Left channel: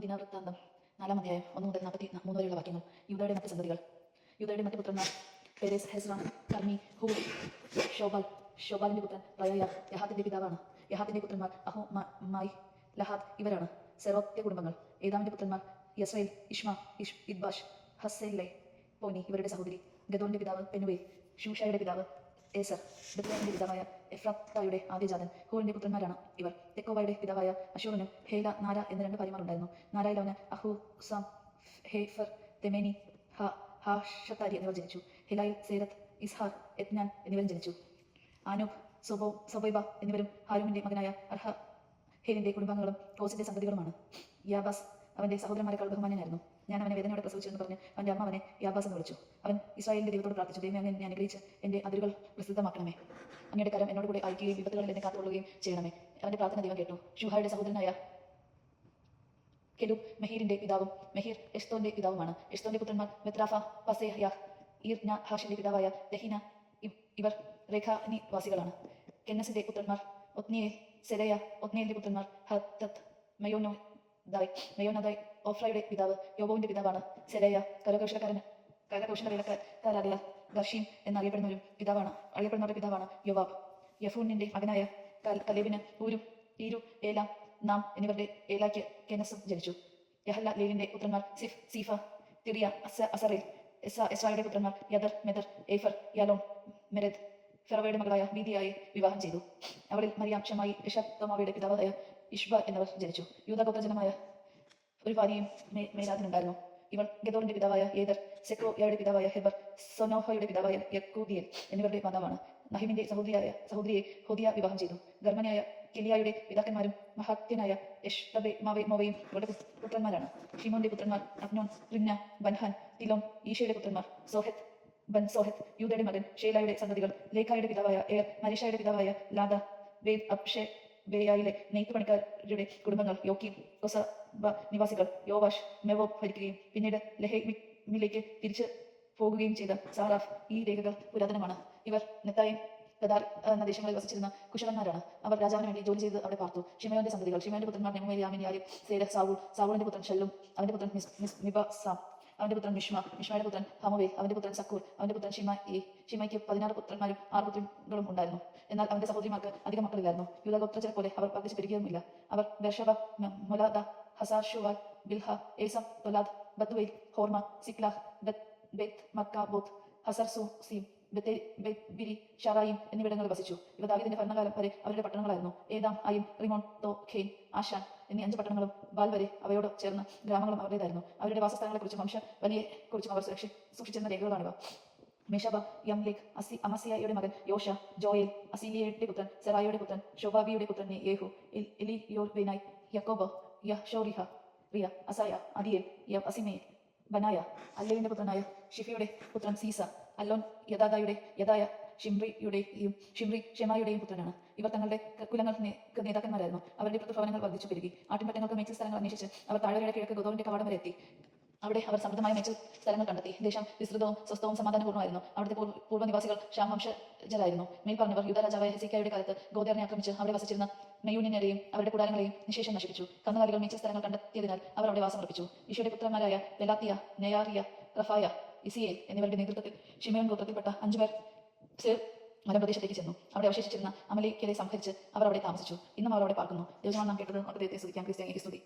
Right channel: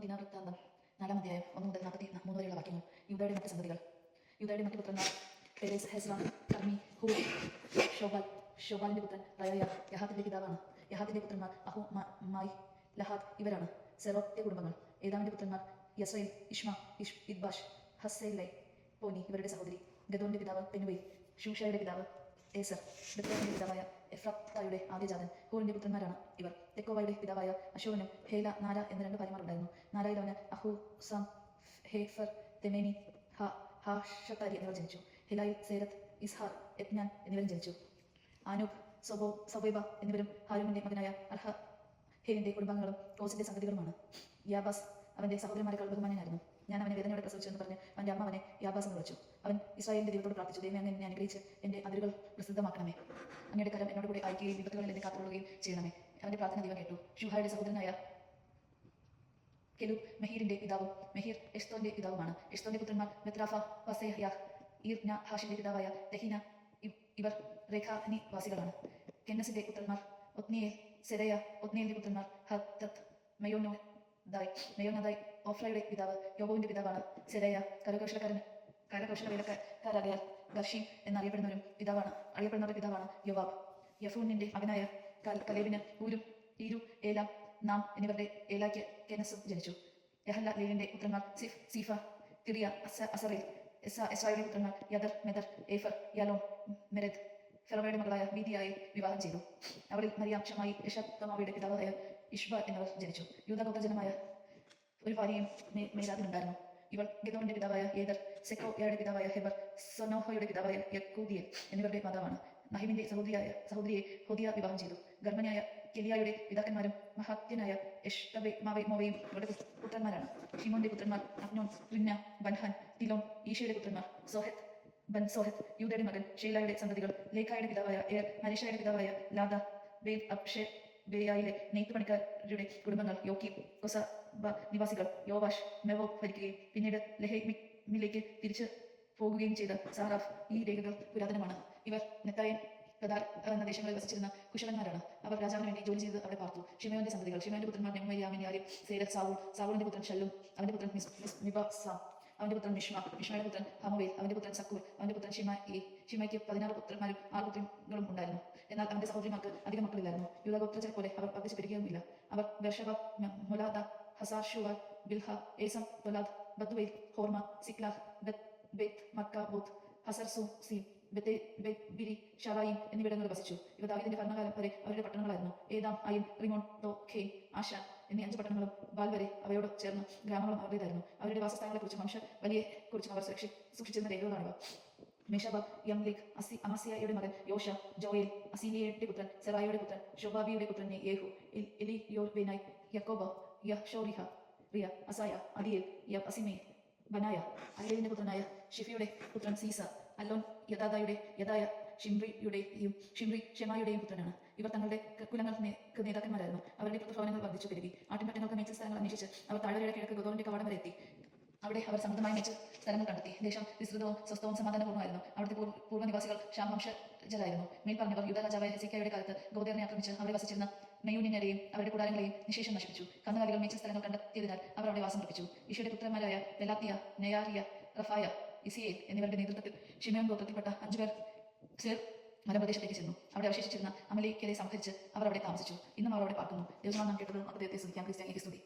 ദിനവൃത്താന്തം നാലാം അധ്യായം ഒന്ന് മുതൽ നാൽപ്പത്തി മൂന്ന് വരെയുള്ള വാക്യങ്ങൾ. യുദ്ധയുടെ മറ്റ് സന്തതികൾ. യുദ്ധയുടെ മറ്റ് പുത്രന്മാർ. പെരേസ് ഹെസ്രാൻ കർമ്മി ഹൂ ഷോബാൽ ഷോബാലിന്റെ പുത്രൻ റയായ യഹാത്തിന്റെ പിതാവാണ്. യഹാത്തിന്റെ പുത്രന്മാർ അഹോ മായി ലഹാദ് ഇവരാണ്. സെറോത്തെ കുടുംബങ്ങൾ. ഏതാമിന്റെ പുത്രന്മാർ? യസ്രൈൽ ഇഷ്മ ഇഷ് ഇദ്ബാഷ് ഹസ്സേലെ പോനി ഇവരുടെ സഹോദരി. ഗദോന്റെ പിതാവ് പെനുവേ ഷൂഷയുടെ പിതാവ് ഏസർ. ബിദ്ലാഹിന്റെ പിതാവായ എഫ്രാത്തായുടെ ആദ്യജാതൻ. ഹൂറിന്റെ പുത്രന്മാരാണ് ഇവർ. തെക്കോവയുടെ പിതാവായ അശൂറിനും ഹേല നാര എന്ന രണ്ട് ഭാര്യമാരുണ്ടായിരുന്നു. അഹു സാം ഹേഫർ തെമേനി ഹാഷത്താരി എന്നിവർ ജനിച്ചു. ഹിലായിൽ സേരത്ത് ഇസ്ഹാർ എത്നാൻ എന്നിവരും ജനിച്ചു. ആനൂബ് സൊബോ സൊബൈബ എന്നിവരും ഹാരൂമിന്റെ മകനായ അർഹ ഹേലിന്റെ കുടുംബാംഗങ്ങളും കോസിന്റെ സന്തതികളുമാണ് യാബാസ് അവന്റെ സഹോദരന്മാരെക്കാൾ ബഹുമാനനായിരുന്നു ഞാൻ അവനെ വേദനയോടെ പ്രസവിച്ചു എന്ന് പറഞ്ഞ് അവന്റെ അമ്മ അവനെ യാബാസ് എന്ന് വിളിച്ചു. അവൻ ഇസ്രായേലിന്റെ ദൈവത്തോട് പ്രാർത്ഥിച്ചു. ദൈവം എന്നെ അനുഗ്രഹിച്ച് എന്റെ അതിരുകൾ പ്രസിദ്ധമാക്കണമേ. അങ്ങയുടെ കരം എന്നോട് കൂടെ അയക്കുകയും വിപത്തുകളിൽ എന്നെ കാത്തുകൊള്ളുകയും ചെയ്യണമേ. അവന്റെ പ്രാർത്ഥന ദൈവം കേട്ടു. ഷുഹായുടെ സഹോദരനായ കെലൂബ് മെഹീറിന്റെ പിതാവും മെഹീർ എസ്തോന്റെ പിതാവുമാണ്. എസ്തോന്റെ പുത്രന്മാർ മെത്രാഫ പസേഹ്യ ഈർന ഹാഷിന്റെ പിതാവായ ദഹിന ഇവർ രേഖാനി വാസികളാണ് കെന്നസിന്റെ പുത്രന്മാർ ഒത്നിയേൽ സെരയ ഒത്നിയലിന്റെ പുത്രന്മാർ ഹത്തത്ത് മയോനോ ദായ് മയോനദായ് ഓഫ്രയുടെ പിതാവ് യോബോവിന്റെ പിതാവാണ് സെരയ. കരകൗശലക്കാരൻ കരകൗശല വേലക്കാരായ ഗർഷീം എന്നറിയപ്പെടുന്നവരും പിതാവാണ് അറിയപ്പെടുന്നവരുടെ പിതാവാണ് യോവാബ്. യഫൂനിന്റെ മകനായ കലേബിന് ഊരും ഈരു ഏലാം നാം എന്നിവരുടെ ഏലാക്ക് കെനസും ജനിച്ചു. യഹല്ല ലേവിന്റെ പുത്രന്മാർ സിഫ് സീഫ തിറിയ അസ അസറിൽ എസ എസ്രായുടെ പുത്രന്മാർ യദർ മെദർ ഏഫർ യാലോൺ മെരദ് ഫെറവയുടെ മകളായ ബീദിയായി വിവാഹം ചെയ്തു. അവളിൽ മറിയാം ഷമായി ഋഷഭമാവയുടെ പിതാവായ ഇഷ്ബ എന്നിവർ ജനിച്ചു. യൂതഗോത്രജനമായ ഒരു ഭാര്യയും മേലാദിനുണ്ടായിരുന്നു ഇവൾ ഗദോറിന്റെ പിതാവായ ഏദർ സെക്കോയയുടെ പിതാവായ ഹെബർ സൊനോഹയുടെ പിതാവായ യക്കൂദിയൽ എന്നിവരുടെ മാതാവാണ്. നഹിമിന്റെ സഹോദരിയായ സഹോദരിയെ ഹോദിയ വിവാഹം ചെയ്തു. ഗർഭനായ കിലിയായുടെ പിതാക്കന്മാരും മഹാത്യനായ എഷ്ടബെ മാവെ മോവയും ഇവരുടെ പുത്ര- പുത്രന്മാരാണ്. ഷിമോന്റെ പുത്രന്മാർ അബ്നോൻ റിന്ന ബൻഹാൻ തിലോം ഈശയുടെ പുത്രന്മാർ സോഹത്ത് ബൻ സോഹത്ത് യൂദയുടെ മകൻ ഷേലായുടെ സന്തതികൾ ലേഖായുടെ പിതാവായ എയർ മരിഷയുടെ പിതാവായ ലാദ ബേദ് അബ്ഷെ ബേയായിലെ നെയ്ത്ത് പണിക്കാരുടെ കുടുംബങ്ങൾ യോക്കി കൊസബ നിവാസികൾ യോവാഷ് മെവോ ഭരിക്കുകയും പിന്നീട് ലഹേമിലേക്ക് തിരിച്ചു പോകുകയും ചെയ്ത സാറാഫ് ഈ രേഖകൾ പുരാതനമാണ്. ഇവർ നെത്തായും ദേശങ്ങളിൽ വസിച്ചിരുന്ന കുശലന്മാരാണ്. അവർ രാജാവിന് വേണ്ടി ജോലി ചെയ്ത് അവിടെ പാർത്തു. ഷിമയോന്റെ സന്തതികൾ ഷിമയോന്റെ പുത്രന്മാർ നെമുമരിയാമിൻ യാരിം സേര സാവൂൾ സാവൂളിന്റെ പുത്രൻ ഷെല്ലും അവന്റെ പുത്രൻ മിസ് അവന്റെ പുത്രൻ മിഷ്മ മിഷ്മയുടെ പുത്രൻ ഹമുവേൽ അവന്റെ പുത്രൻ സക്കൂർ അവന്റെ പുത്രൻ ഷിമ ഷിമായി ഷിമയ്ക്ക് പതിനാറ് പുത്രന്മാരും ആറ് പുത്രങ്ങളും ഉണ്ടായിരുന്നു. എന്നാൽ അവന്റെ സഹോദരിമാർക്ക് അധികം മക്കളില്ലായിരുന്നു. യൂതഗോത്രജനെ പോലെ അവർ വർദ്ധിച്ചു പെരുകിയുമില്ല. അവർ Beersheba Moladah Hazar Bilhah Ezem Tolad Bethuel Hormah Ziklag Beth Beth Marcaboth Hazar Susim Biri ഷറായിം എന്നിവിടങ്ങളിൽ വസിച്ചു. ഇവ ദാവീദിന്റെ ഭരണകാലം വരെ അവരുടെ പട്ടണങ്ങളായിരുന്നു. ഏതാം അയിൻ റിമോൺ തോ ഖെയ്ൻ ആഷാൻ എന്നീ അഞ്ച് പട്ടണങ്ങളും ബാൽ വരെ അവയോട് ചേർന്ന ഗ്രാമങ്ങളും അവരുടേതായിരുന്നു. അവരുടെ വാസസ്ഥലങ്ങളെക്കുറിച്ചും വംശ വലിയെ കുറിച്ചും അവർ സുരക്ഷി- സൂക്ഷിച്ചിരുന്ന രേഖകളാണിവ മെഷബ യംലിക് അസി അമസിയയുടെ മകൻ യോഷ ജോയൽ അസീലിയയുടെ പുത്രൻ സെറായിയുടെ പുത്രൻ ഷോബാബിയുടെ പുത്രൻ യേഹു എൽ- എലിയോർ ബെനായ് യക്കോബ് യഹ്ഷോറിഹ റിയ അസായ അദിയൽ യ അസിമേ ബനായ അല്ലേവിന്റെ പുത്രനായ ഷിഫിയുടെ പുത്രൻ സീസ അല്ലോൻ യദാദായുടെ യദായ ഷിംറിയുടെയും ഷിംറി ഷെമായുടെയും പുത്രനാണ്. ഇവർ തങ്ങളുടെ കുലങ്ങൾക്ക് നേതാക്കന്മാരായിരുന്നു. അവരുടെ പ്രതിഭവനങ്ങൾ വർദ്ധിച്ചു പെരുകി. ആട്ടിൻപറ്റങ്ങൾക്ക് മേച്ചിൽ സ്ഥലങ്ങൾ അന്വേഷിച്ച് അവർ താഴ്വരയുടെ കിഴക്ക് ഗോതോറിന്റെ കവാടം വരെ എത്തി. അവിടെ അവർ സമൃദ്ധമായ മേച്ചിൽ സ്ഥലങ്ങൾ കണ്ടെത്തി. ദേശം വിസ്തൃതവും സ്വസ്ഥവും സമാധാനപൂർണമായിരുന്നു അവിടുത്തെ പൂർവ പൂർവനിവാസികൾ ഷാമംശജരായിരുന്നു മേൽ പറഞ്ഞവർ യുദ്ധ രാജാവായ ഹെസിക്കായുടെ കാലത്ത് ഗോദേറിനെ ആക്രമിച്ച് അവിടെ വസിച്ചിരുന്ന മെയ്യൂനിനെയും അവരുടെ കൂടാരങ്ങളെയും നിശേഷം നശിപ്പിച്ചു. കന്നുകാലികൾ മേച്ചിൽ സ്ഥലങ്ങൾ കണ്ടെത്തിയതിനാൽ അവർ അവിടെ വാസമർപ്പിച്ചു. ഈശോയുടെ പുത്രന്മാരായ പെലാത്തിയ നെയാറിയ റഫായ ഇസിയേൽ എന്നിവരുടെ നേതൃത്വത്തിൽ ഷിമയോൻ ഗോത്രത്തിൽപ്പെട്ട അഞ്ചുപേർ സേർ മലപ്രദേശത്തേക്ക് ചെന്നു. അവിടെ അവശേഷിച്ചിരുന്ന അമലിക്കലെ സംഹരിച്ച് അവർ അവിടെ താമസിച്ചു. ഇന്നും അവർ അവിടെ പാർക്കുന്നു. ദൈവമാണ് നാം കേട്ടത്. അദ്ദേഹത്തെ ദൈവത്തെ സ്തുതിക്കാം. ക്രിസ്ത്യാനി സ്തുതി.